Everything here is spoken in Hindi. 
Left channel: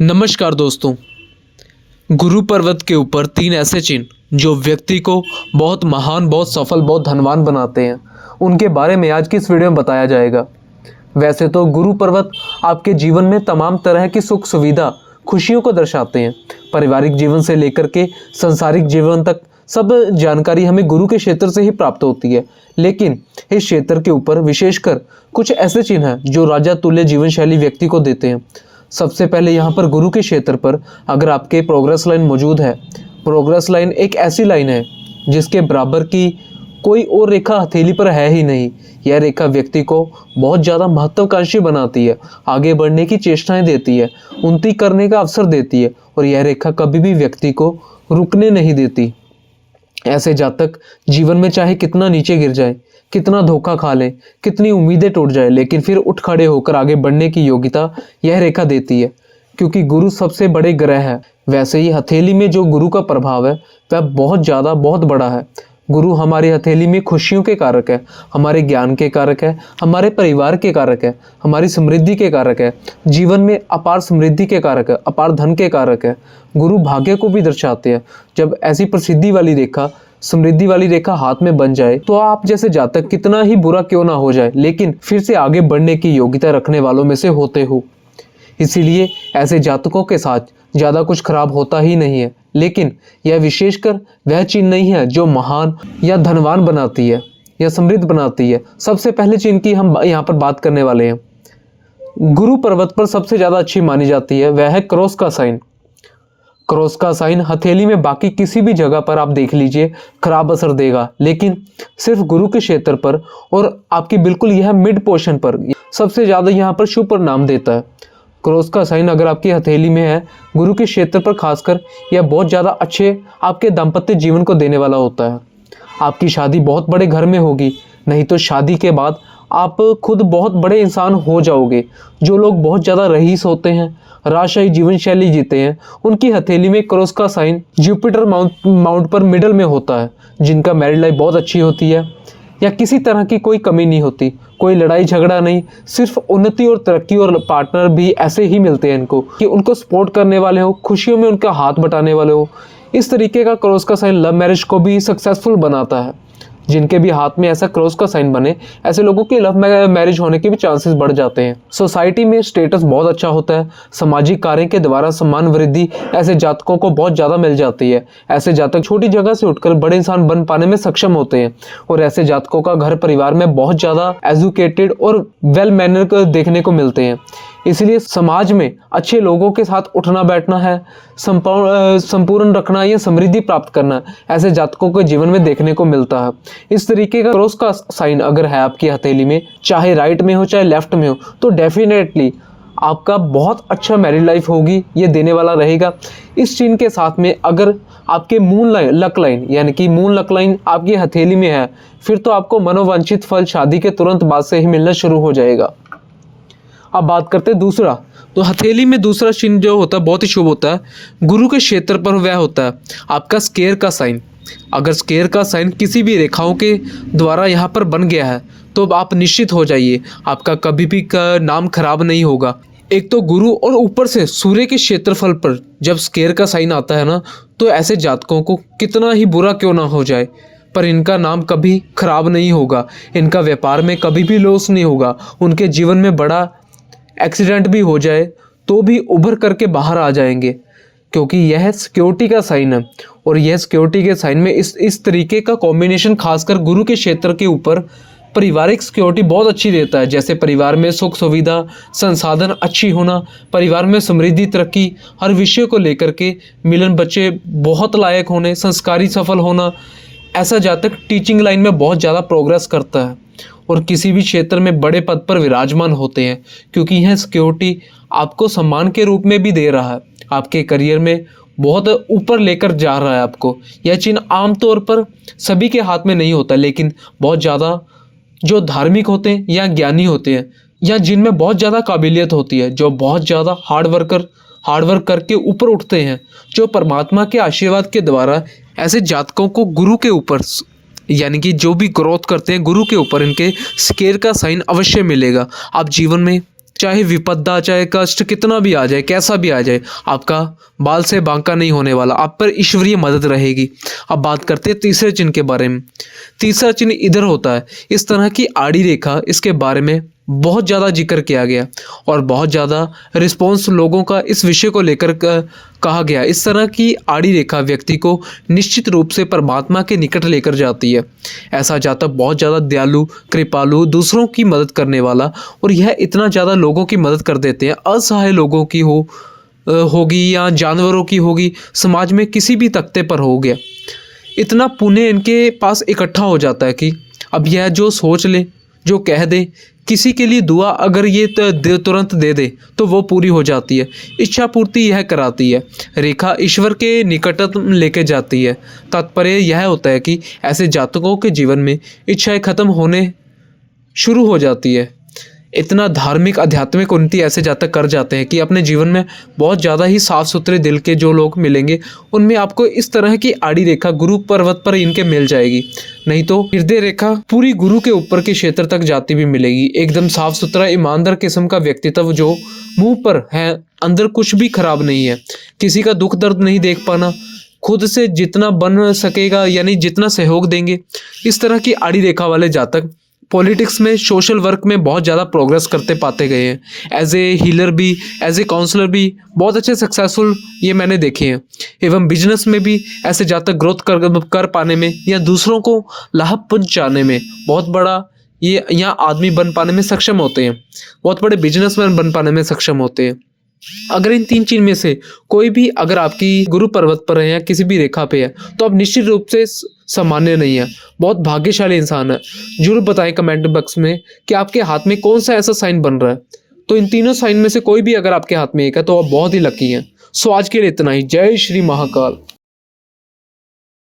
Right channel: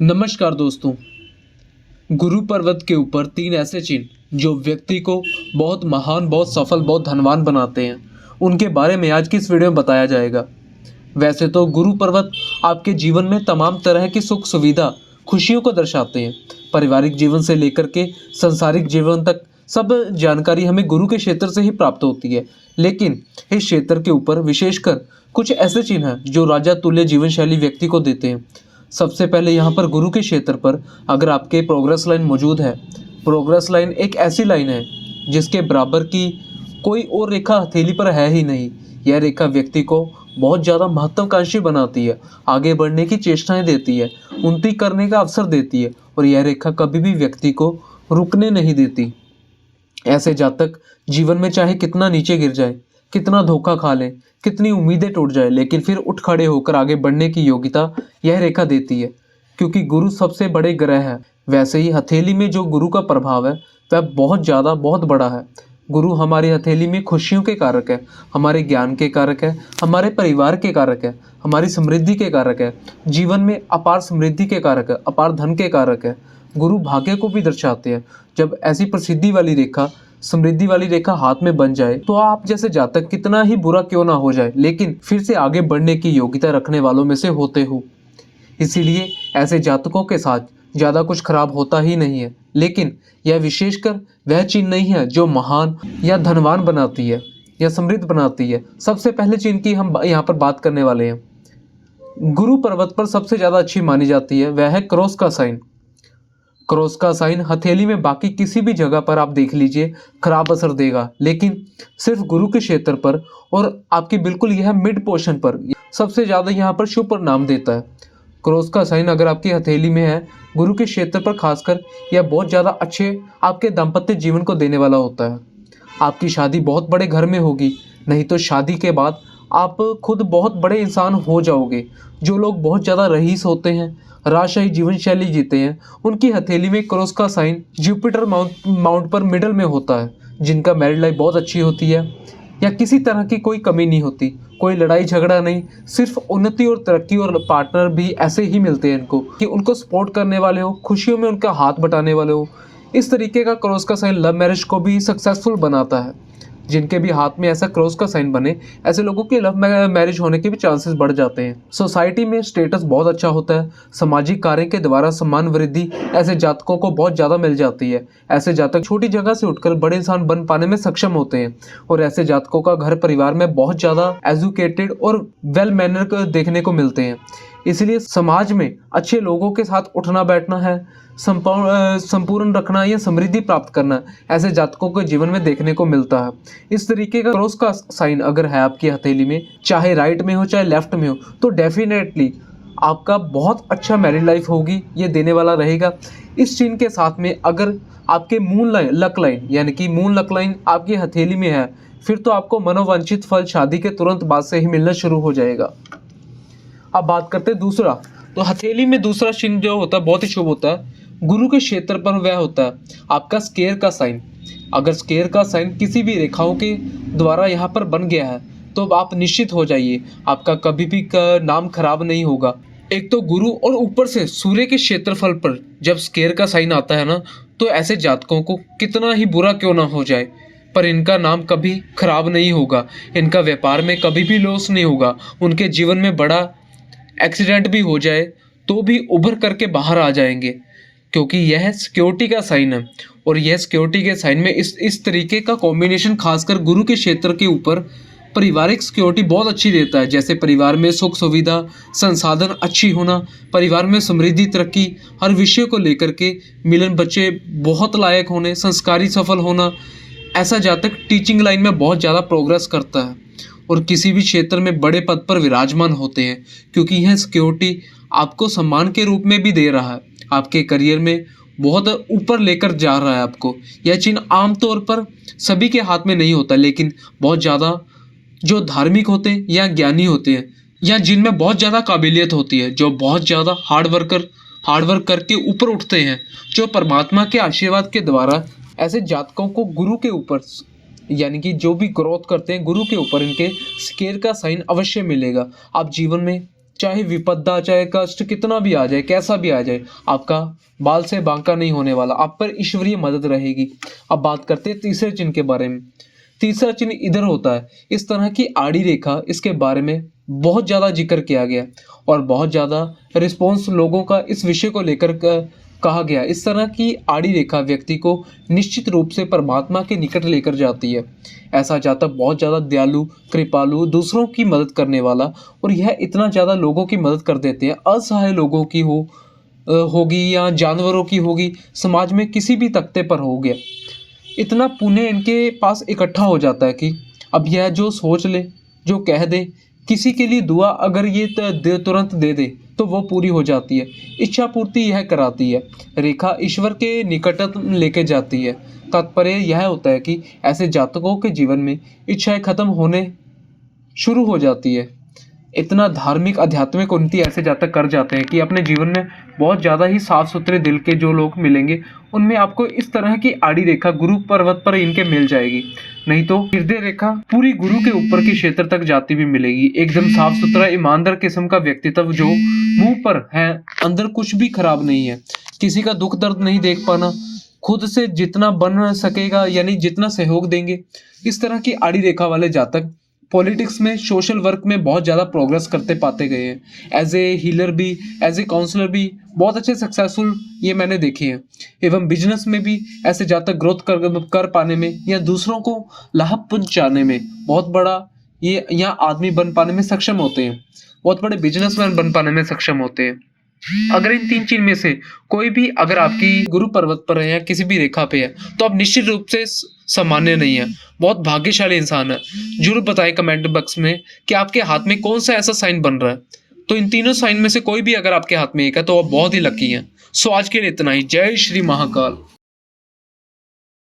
नमस्कार दोस्तों। गुरु पर्वत के ऊपर 3 ऐसे चिन्ह जो व्यक्ति को बहुत महान, बहुत सफल, बहुत धनवान बनाते हैं, उनके बारे में आज की इस वीडियो में बताया जाएगा। वैसे तो गुरु पर्वत आपके जीवन में तमाम तरह की सुख सुविधा, खुशियों को दर्शाते हैं। पारिवारिक जीवन से लेकर के सांसारिक जीवन तक सब जानकारी हमें गुरु के क्षेत्र से ही प्राप्त होती है। लेकिन इस क्षेत्र के ऊपर विशेषकर कुछ ऐसे चिन्ह हैं जो राजा तुल्य जीवन शैली व्यक्ति को देते हैं। सबसे पहले यहाँ पर गुरु के क्षेत्र पर अगर आपके प्रोग्रेस लाइन मौजूद है, प्रोग्रेस लाइन एक ऐसी लाइन है जिसके बराबर की कोई और रेखा हथेली पर है ही नहीं। यह रेखा व्यक्ति को बहुत ज़्यादा महत्वाकांक्षी बनाती है, आगे बढ़ने की चेष्टाएं देती है, उन्नति करने का अवसर देती है और यह रेखा कभी भी व्यक्ति को रुकने नहीं देती। ऐसे जातक जीवन में चाहे कितना नीचे गिर जाए, कितना धोखा खा ले, कितनी उम्मीदें टूट जाए, लेकिन फिर उठ खड़े होकर आगे बढ़ने की योग्यता यह रेखा देती है। क्योंकि गुरु सबसे बड़े ग्रह है, वैसे ही हथेली में जो गुरु का प्रभाव है वह बहुत बड़ा है। गुरु हमारी हथेली में खुशियों के कारक है, हमारे ज्ञान के कारक है, हमारे परिवार के कारक है, हमारी समृद्धि के कारक है, जीवन में अपार समृद्धि के कारक है, अपार धन के कारक है। गुरु भाग्य को भी दर्शाते हैं। जब ऐसी प्रसिद्धि वाली रेखा, समृद्धि वाली रेखा हाथ में बन जाए तो आप जैसे जातक कितना ही बुरा क्यों ना हो जाए, लेकिन फिर से आगे बढ़ने की योग्यता रखने वालों में से होते हो। इसीलिए ऐसे जातकों के साथ ज़्यादा कुछ खराब होता ही नहीं है। लेकिन यह विशेषकर वह चीज नहीं है जो महान या धनवान बनाती है या समृद्ध बनाती है। सबसे पहले चीज की हम यहाँ पर बात करने वाले हैं, गुरु पर्वत पर सबसे ज़्यादा अच्छी मानी जाती है, वह है क्रॉस का साइन। क्रॉस का साइन हथेली में बाकी किसी भी जगह पर आप देख लीजिए खराब असर देगा, लेकिन सिर्फ गुरु के क्षेत्र पर और आपकी बिल्कुल यह मिड पोर्शन पर सबसे ज़्यादा यहाँ पर शुभ परिणाम देता है। क्रॉस का साइन अगर आपकी हथेली में है, गुरु के क्षेत्र पर खासकर, यह बहुत ज़्यादा अच्छे आपके दाम्पत्य जीवन को देने वाला होता है। आपकी शादी बहुत बड़े घर में होगी, नहीं तो शादी के बाद आप खुद बहुत बड़े इंसान हो जाओगे। जो लोग बहुत ज़्यादा रईस होते हैं, राजशाही जीवन शैली जीते हैं, उनकी हथेली में क्रॉस का साइन जुपिटर माउंट पर मिडल में होता है, जिनका मैरिड लाइफ बहुत अच्छी होती है या किसी तरह की कोई कमी नहीं होती, कोई लड़ाई झगड़ा नहीं, सिर्फ उन्नति और तरक्की। और पार्टनर भी ऐसे ही मिलते हैं इनको कि उनको सपोर्ट करने वाले हो, खुशियों में उनका हाथ बटाने वाले हो। इस तरीके का क्रॉस का साइन लव मैरिज को भी सक्सेसफुल बनाता है। जिनके भी हाथ में ऐसा क्रॉस का साइन बने, ऐसे लोगों के लव मैरिज होने के भी चांसेस बढ़ जाते हैं। सोसाइटी में स्टेटस बहुत अच्छा होता है, सामाजिक कार्य के द्वारा सम्मान वृद्धि ऐसे जातकों को बहुत ज़्यादा मिल जाती है। ऐसे जातक छोटी जगह से उठकर बड़े इंसान बन पाने में सक्षम होते हैं और ऐसे जातकों का घर परिवार में बहुत ज़्यादा एजुकेटेड और वेल मैनर देखने को मिलते हैं। इसलिए समाज में अच्छे लोगों के साथ उठना बैठना है, संपूर्ण रखना या समृद्धि प्राप्त करना, ऐसे जातकों के जीवन में देखने को मिलता है। इस तरीके का क्रॉस का साइन अगर है आपकी हथेली में, चाहे राइट में हो चाहे लेफ्ट में हो, तो डेफिनेटली आपका बहुत अच्छा मैरिड लाइफ होगी, ये देने वाला रहेगा। इस चिन्ह के साथ में अगर आपके मून लक लाइन यानी कि मून लक लाइन आपकी हथेली में है, फिर तो आपको मनोवांछित फल शादी के तुरंत बाद से ही मिलना शुरू हो जाएगा। अब बात करते हैं दूसरा, तो हथेली में दूसरा चिन्ह जो होता है बहुत ही शुभ होता है। गुरु के क्षेत्र पर वह होता है आपका स्क्वायर का साइन। अगर स्क्वायर का साइन किसी भी रेखाओं के द्वारा यहाँ पर बन गया है तो आप निश्चित हो जाइए आपका कभी भी नाम खराब नहीं होगा। एक तो गुरु और ऊपर से सूर्य के क्षेत्रफल पर जब स्क्वायर का साइन आता है ना, तो ऐसे जातकों को कितना ही बुरा क्यों ना हो जाए, पर इनका नाम कभी खराब नहीं होगा, इनका व्यापार में कभी भी लॉस नहीं होगा। उनके जीवन में बड़ा एक्सीडेंट भी हो जाए तो भी उभर करके बाहर आ जाएंगे, क्योंकि यह सिक्योरिटी का साइन है। और यह सिक्योरिटी के साइन में इस तरीके का कॉम्बिनेशन खासकर गुरु के क्षेत्र के ऊपर पारिवारिक सिक्योरिटी बहुत अच्छी देता है। जैसे परिवार में सुख सुविधा, संसाधन अच्छी होना, परिवार में समृद्धि, तरक्की, हर विषय को लेकर के मिलन, बच्चे बहुत लायक होने, संस्कारी सफल होना। ऐसा जातक टीचिंग लाइन में बहुत ज़्यादा प्रोग्रेस करता है और किसी भी क्षेत्र में बड़े पद पर विराजमान होते हैं, क्योंकि यह सिक्योरिटी आपको सम्मान के रूप में भी दे रहा है, आपके करियर में बहुत ऊपर लेकर जा रहा है आपको। यह चिन्ह आमतौर पर सभी के हाथ में नहीं होता, लेकिन बहुत ज़्यादा जो धार्मिक होते हैं या ज्ञानी होते हैं या जिनमें बहुत ज़्यादा काबिलियत होती है, जो बहुत ज़्यादा हार्डवर्क करके ऊपर उठते हैं, जो परमात्मा के आशीर्वाद के द्वारा ऐसे जातकों को गुरु के ऊपर यानी कि जो भी ग्रोथ करते हैं, गुरु के ऊपर इनके स्क्वायर का साइन अवश्य मिलेगा। आप जीवन में चाहे विपदा, चाहे कष्ट कितना भी आ जाए, कैसा भी आ जाए, आपका बाल से बांका नहीं होने वाला, आप पर ईश्वरीय मदद रहेगी। अब बात करते हैं तीसरे चिन्ह के बारे में। तीसरा चिन्ह इधर होता है, इस तरह की आड़ी रेखा, इसके बारे में बहुत ज़्यादा जिक्र किया गया और बहुत ज़्यादा रिस्पॉन्स लोगों का इस विषय को लेकर कहा गया। इस तरह की आड़ी रेखा व्यक्ति को निश्चित रूप से परमात्मा के निकट लेकर जाती है। ऐसा जातक बहुत ज़्यादा दयालु, कृपालु, दूसरों की मदद करने वाला, और यह इतना ज़्यादा लोगों की मदद कर देते हैं, असहाय लोगों की होगी या जानवरों की होगी, समाज में किसी भी तख्ते पर हो गया, इतना पुण्य इनके पास इकट्ठा हो जाता है कि अब यह जो सोच ले, जो कह दे, किसी के लिए दुआ अगर ये तुरंत दे दे तो वो पूरी हो जाती है। इच्छा पूर्ति यह कराती है, रेखा ईश्वर के निकटतम लेके जाती है। तात्पर्य यह होता है कि ऐसे जातकों के जीवन में इच्छाएं खत्म होने शुरू हो जाती है। इतना धार्मिक आध्यात्मिक उन्नति ऐसे जातक कर जाते हैं कि अपने जीवन में बहुत ज़्यादा ही साफ सुथरे दिल के जो लोग मिलेंगे, उनमें आपको इस तरह की आड़ी रेखा गुरु पर्वत पर इनके मिल जाएगी। नहीं तो हृदय रेखा पूरी गुरु के ऊपर के क्षेत्र तक जाती भी मिलेगी। एकदम साफ सुथरा ईमानदार किस्म का व्यक्तित्व जो मुंह पर है, अंदर कुछ भी खराब नहीं है, किसी का दुख दर्द नहीं देख पाना, खुद से जितना बन सकेगा यानी जितना सहयोग देंगे, इस तरह की आड़ी रेखा वाले जातक पॉलिटिक्स में, सोशल वर्क में बहुत ज़्यादा प्रोग्रेस करते पाते गए हैं। एज ए हीलर भी, एज ए काउंसलर भी बहुत अच्छे सक्सेसफुल ये मैंने देखे हैं। एवं बिजनेस में भी ऐसे जातक ग्रोथ कर पाने में या दूसरों को लाभ पहुंचाने में बहुत बड़ा ये यहाँ आदमी बन पाने में सक्षम होते हैं, बहुत बड़े बिजनेसमैन बन पाने में सक्षम होते हैं। अगर इन तीन चीज में से कोई भी अगर आपकी गुरु पर्वत पर है या किसी भी रेखा पे है, तो आप निश्चित रूप से सामान्य नहीं है, बहुत भाग्यशाली इंसान है। जरूर बताएं कमेंट बॉक्स में कि आपके हाथ में कौन सा ऐसा साइन बन रहा है। तो इन तीनों साइन में से कोई भी अगर आपके हाथ में एक है तो आप बहुत ही लकी हैं। सो आज के लिए इतना ही। जय श्री महाकाल।